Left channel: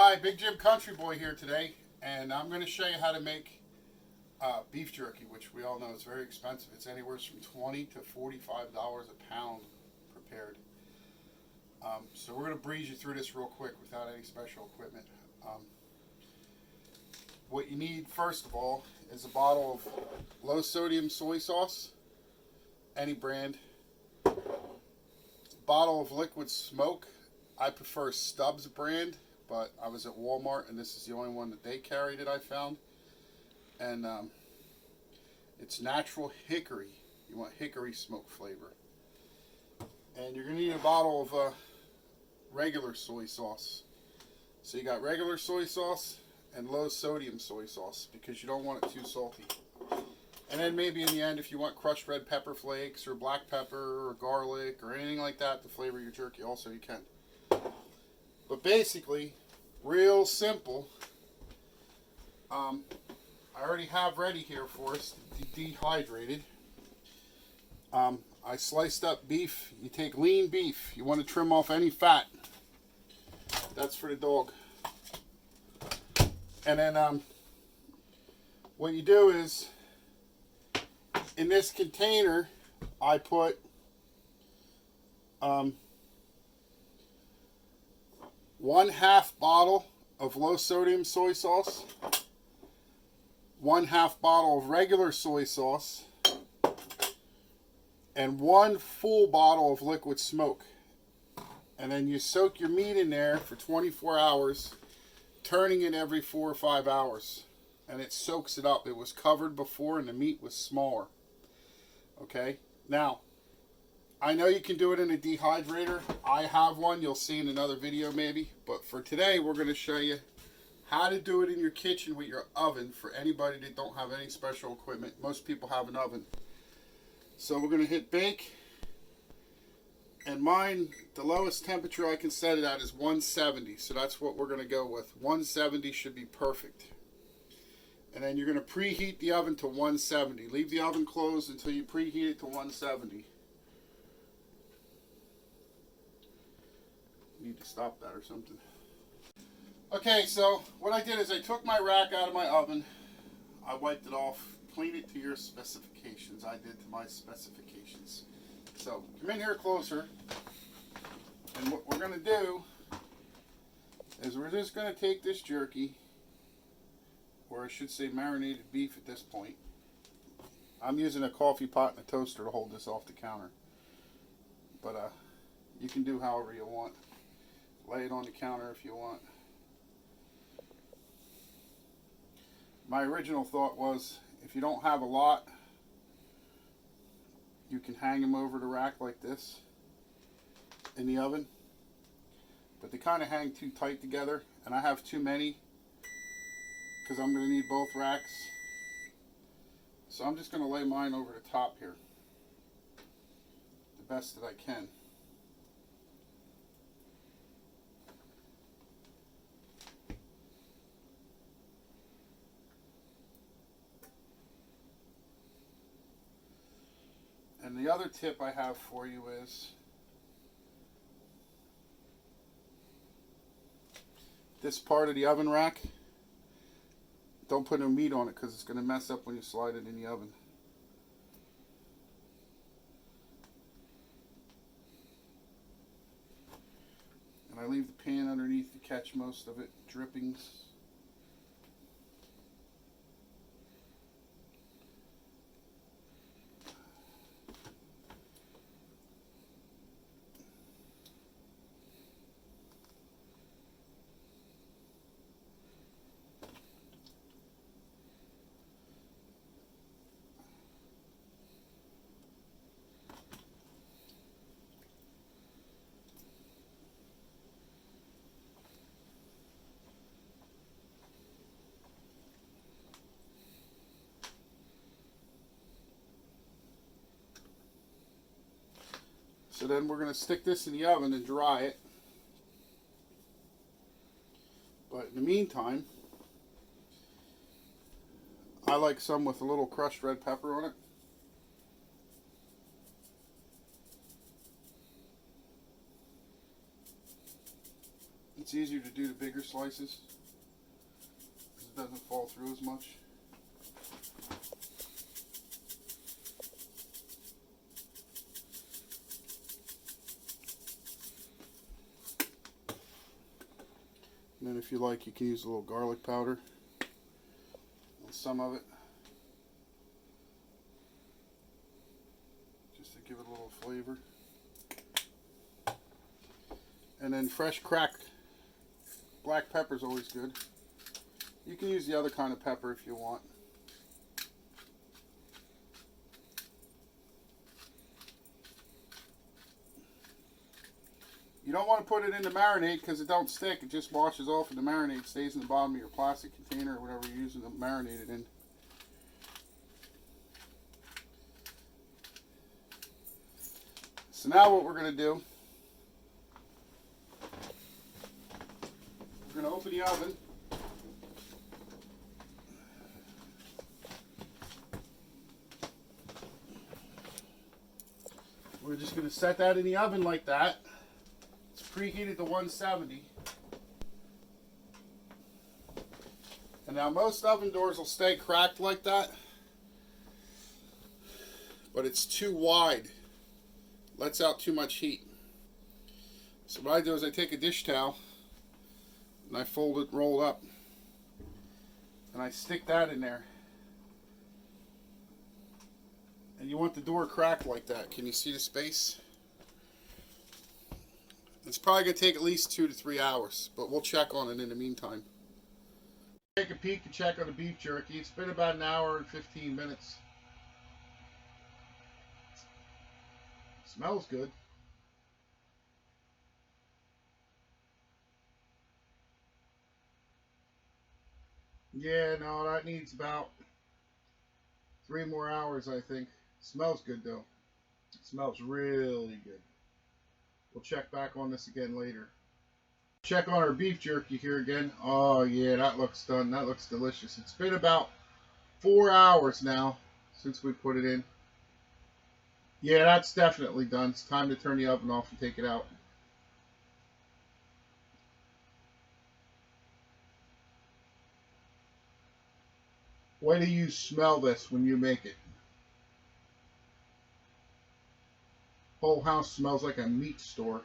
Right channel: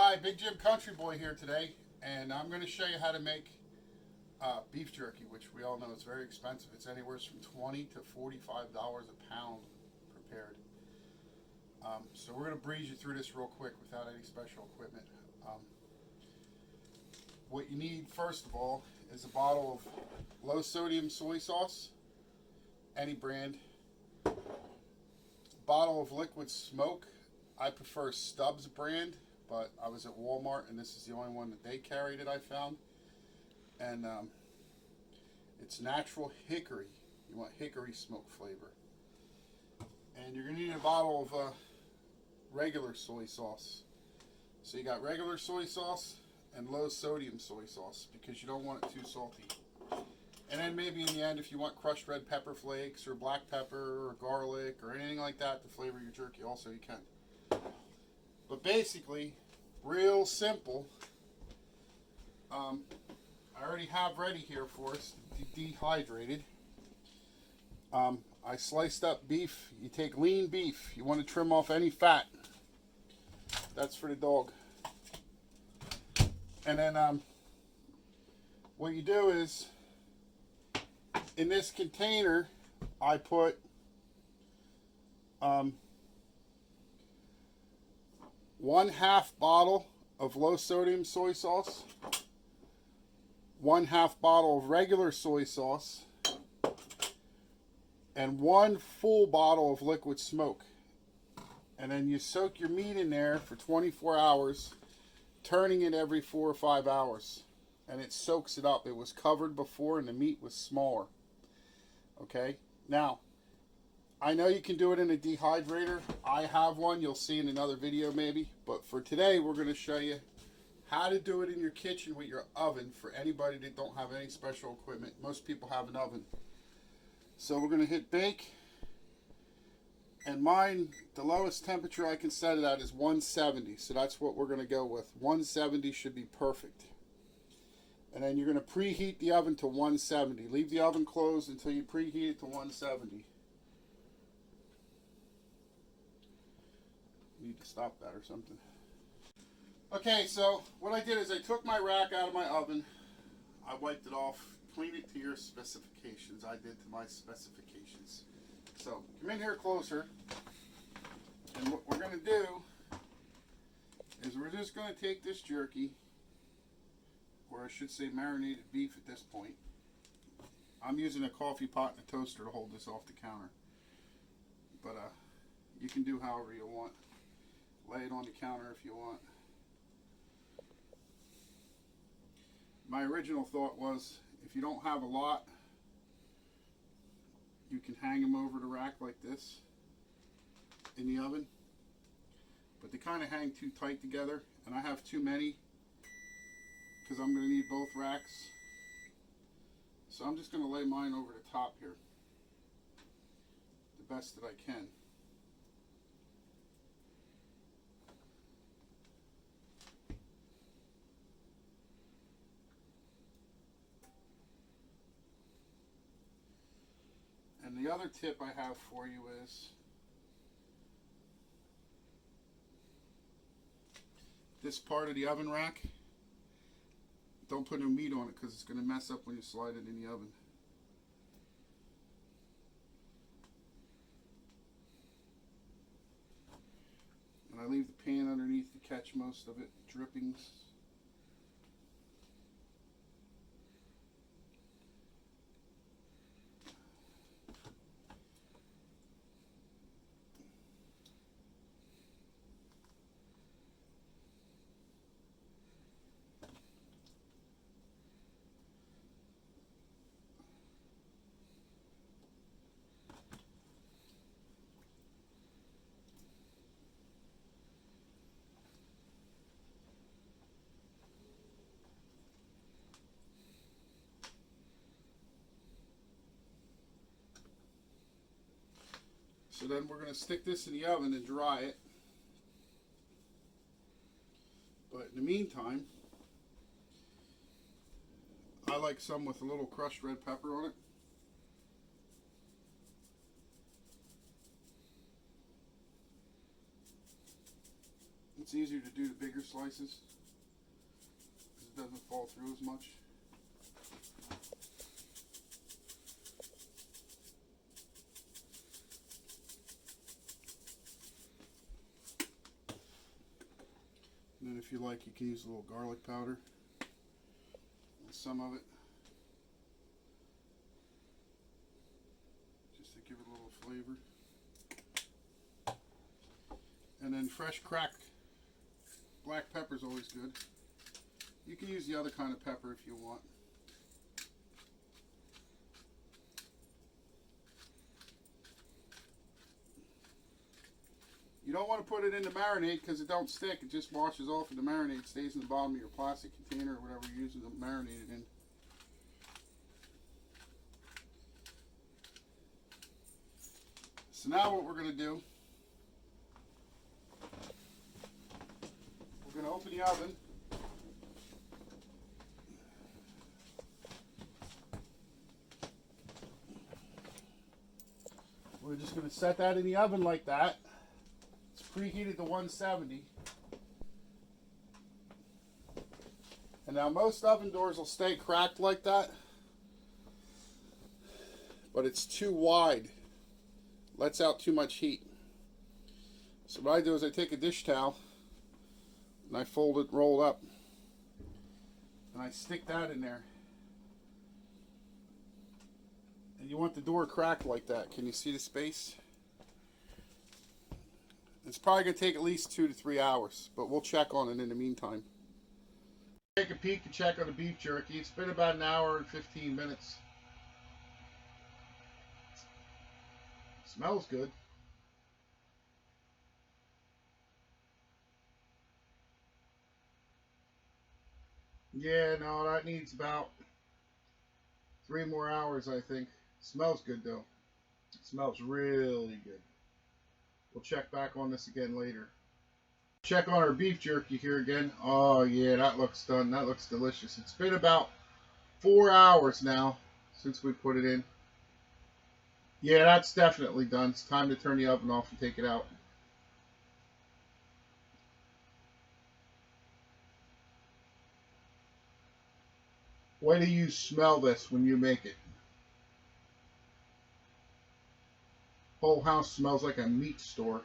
Hi, Big Jim Country Boy here today, and I'm going to show you how to make beef jerky, which we all know is very expensive. It's anywhere from $20 to $45 a pound prepared. So we're going to breeze you through this real quick without any special equipment. What you need first of all is a bottle of low sodium soy sauce, any brand, a bottle of liquid smoke. I prefer Stubbs brand, but I was at Walmart and this is the only one that they carry that I found. And it's natural hickory. You want hickory smoke flavor. And you're going to need a bottle of regular soy sauce. So you got regular soy sauce and low sodium soy sauce because you don't want it too salty. And then maybe in the end, if you want crushed red pepper flakes or black pepper or garlic or anything like that to flavor your jerky, also you can. But basically, real simple. I already have ready here for us dehydrated. I sliced up beef. You take lean beef. You want to trim off any fat. That's for the dog. And then what you do is, in this container, I put 1/2 bottle of low sodium soy sauce, 1/2 bottle of regular soy sauce, and 1 full bottle of liquid smoke. And then you soak your meat in there for 24 hours, turning it every 4 or 5 hours. And it soaks it up. It was covered before and the meat was smaller. Okay? Now, I know you can do it in a dehydrator. I have one. You'll see in another video maybe. But for today, we're going to show you how to do it in your kitchen with your oven for anybody that don't have any special equipment. Most people have an oven. So we're going to hit bake. And mine, the lowest temperature I can set it at is 170. So that's what we're going to go with. 170 should be perfect. And then you're going to preheat the oven to 170. Leave the oven closed until you preheat it to 170. Need to stop that or something. Okay, so what I did is I took my rack out of my oven. I wiped it off. Clean it to your specifications. I did to my specifications. So come in here closer. And what we're going to do is we're just going to take this jerky, or I should say marinated beef at this point. I'm using a coffee pot and a toaster to hold this off the counter. But you can do however you want. Lay it on the counter if you want. My original thought was, if you don't have a lot, you can hang them over the rack like this in the oven. But they kind of hang too tight together, and I have too many because I'm going to need both racks. So I'm just going to lay mine over the top here, the best that I can. And the other tip I have for you is, this part of the oven rack, don't put no meat on it because it's going to mess up when you slide it in the oven. And I leave the pan underneath to catch most of it, drippings. then we're going to stick this in the oven and dry it. But in the meantime, I like some with a little crushed red pepper on it. It's easier to do the bigger slices because it doesn't fall through as much. And then if you like, you can use a little garlic powder and some of it, just to give it a little flavor. And then fresh cracked black pepper is always good. You can use the other kind of pepper if you want. You don't want to put it in the marinade because it don't stick. It just washes off and the marinade stays in the bottom of your plastic container or whatever you're using to marinate it in. So now what we're going to do, we're going to open the oven. We're just going to set that in the oven like that. Preheated to 170. And now most oven doors will stay cracked like that, but it's too wide. Lets out too much heat. So what I do is I take a dish towel and I fold it, roll up, and I stick that in there. And you want the door cracked like that. Can you see the space? It's probably going to take at least 2 to 3 hours, but we'll check on it in the meantime. Take a peek and check on the beef jerky. It's been about an hour and 15 minutes. Smells good. Yeah, no, that needs about 3 more hours, I think. Smells good, though. It smells really good. We'll check back on this again later. Check on our beef jerky here again. Oh yeah, that looks done. That looks delicious. It's been about 4 hours now since we put it in. Yeah, that's definitely done. It's time to turn the oven off and take it out. Why do you smell this when you make it? Whole house smells like a meat store.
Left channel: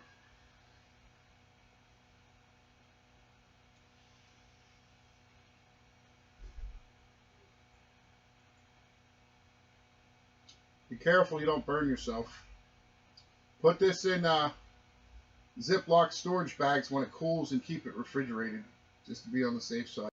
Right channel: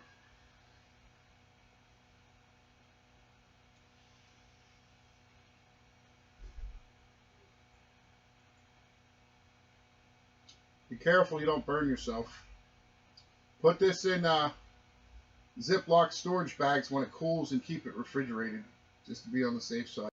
Be careful you don't burn yourself. Put this in Ziploc storage bags when it cools and keep it refrigerated, just to be on the safe side.